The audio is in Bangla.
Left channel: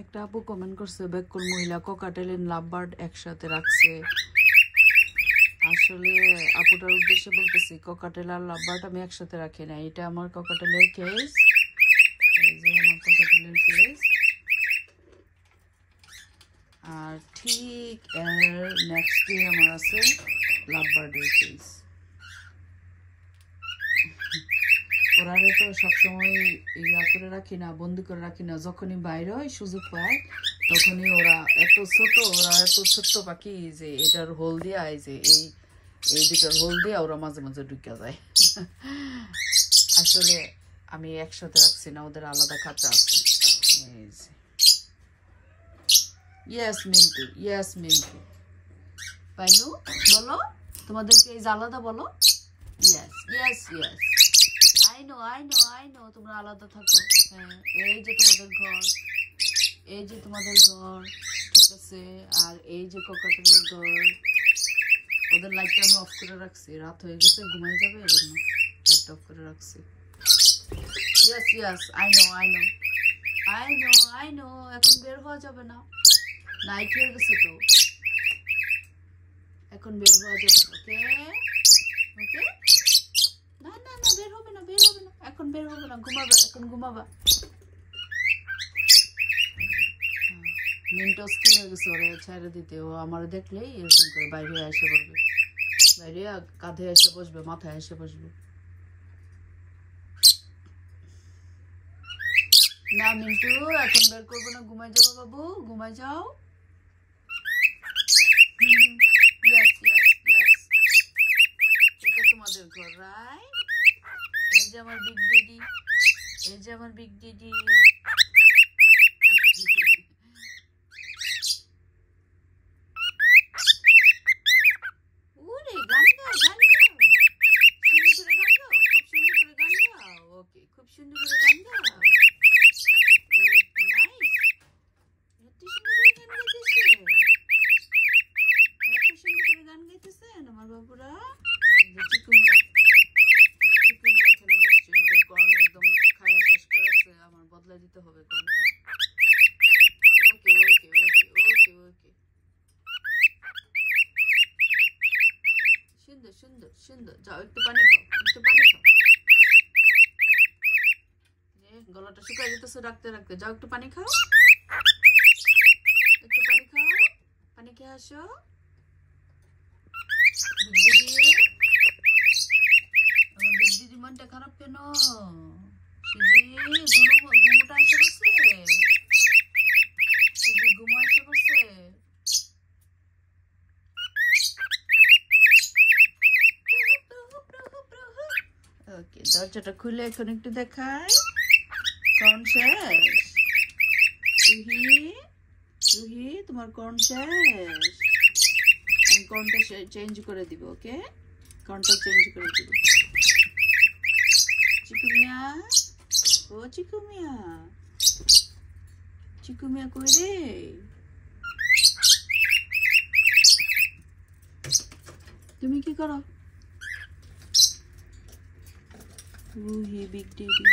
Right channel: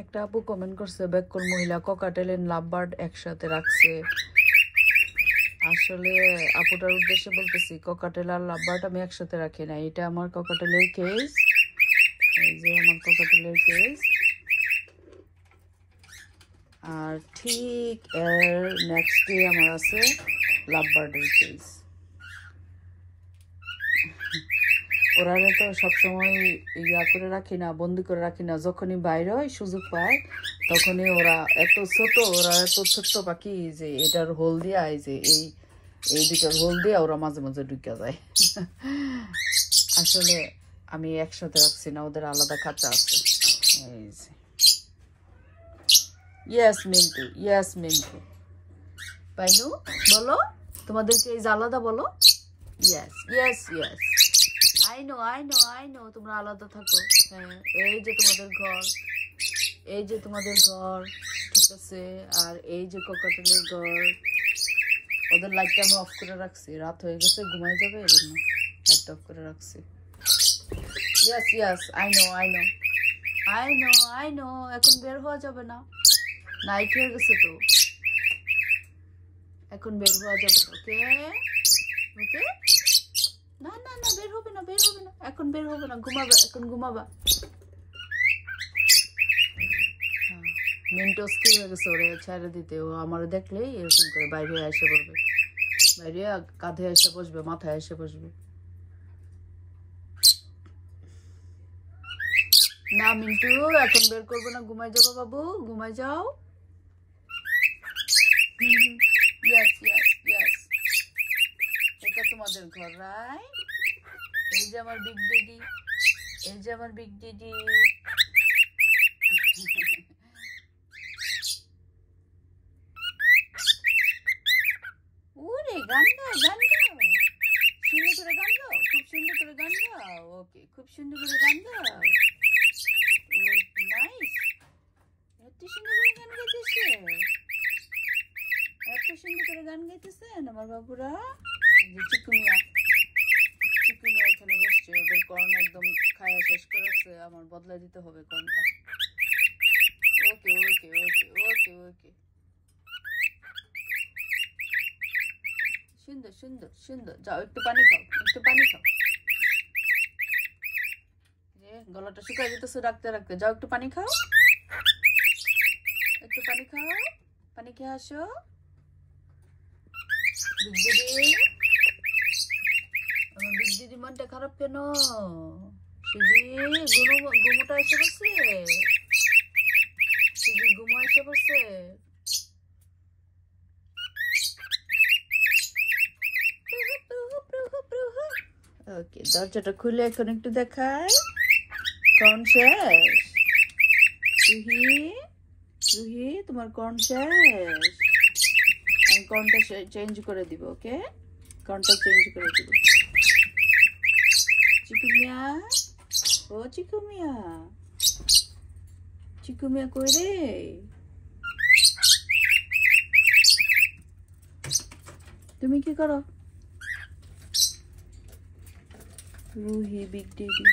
একটা আপু কমেন্ট করছে বেকুল মহিলা ককাটেল এন্ড লাভবার্ড একসাথে রাখছে। আসলে আপুটার উদ্দেশ্যে বলতেছি, ককাটেল আর লাভবার্ড আমি একসাথে রাখি না। এটা আমার ককাটেলের কেস, এই যে আমার ককাটেলের কেস, আর ঠিক এর নেক্সট ডে আমার আছে লাভবার্ডের কেস। ওরা তো সবসময় ইয়া করে রাখি না, বন্দি করে রাখি না। যখনই বাইরে হয় সুযোগ পায় তখনই ওরা এত ছোট্ট পাখি যে এটার হোল দিয়ে এই যে এই দুটার হোল দিয়ে ওরা মাঝে মাঝে ঢুকে যায়। আসলে আমি একসাথে রাখছি না, ওদের আলাদা খাঁচা আছে। এই যে ইয়েস মিন্টু পাইনু বলো, তোমাদেরকে এই যে আলাদা বলো। ইয়েস আই নো তোমরা আলাদা থাকো। হ্যাঁ, এই যে তোমাদের ঘর, ঠিক আছে। আর এই যে ককাটেলের ঘর। ওদের লাইটটা আমি অফ করে রাখছি, রাত হয়ে গেছে, ঘুমায় যাবে, এই জন্য লাইটটা অফ করে রাখছি। ইয়েস আই নো এখন বের হওয়া যাবে না, নাইট হয়ে গেছে তো, এখন বের হওয়া যাবে না। ওকে না বের হবে না, এখন বের হবে না, এখন ঘুমাবা। মিন্টু স্থির হয়ে গেছে ওরে ছেড়ে দিতে। ও আমার দেখলেই এরকম করে বাইরে এসে পড়বে, বাইরে কাঁধে এসে বসবে, মাথায় এসে বসবে। না মিন্টু এখন বের করবো না, ঘুমাই যাবো বাবু, ঘুমাই যাও। এটা তোমাদের ঘর, রাইট? এই যে আমার বিগ ডেডি, ওরে গান গাও, খুব সুন্দর করে গান গাও। নাইস, এত সুন্দর করে গান গাইতেছেন আমার বাবুরা। চিকুমিয়া এখানে বসছে, ওদের কর্ন একদম খাওয়া শেষ করেছে, আমার বদলাই দিতে হবে কর্নটা। ওকে সুন্দর যাও, একটু পানি খাও। গলাটা শুকাই যেতেছে রাখতে, যাও একটু পানি খাও, পানি খেয়ে আসো। আমার বিগ দিদি মনটা খারাপ কেন? ঘুমোটা এসে বসছে, ওকে, দরজাটা খুলে এখন একটু দেখাই। কর্ন শেষ? রুহি তোমার কর্ন শেষ? আমি কর্নটা চেঞ্জ করে দিব। ওকে, কর্নটা চেঞ্জ করে দিব। চিকুমিয়া কই রে? তুমি কি করো? Ruhi big daddy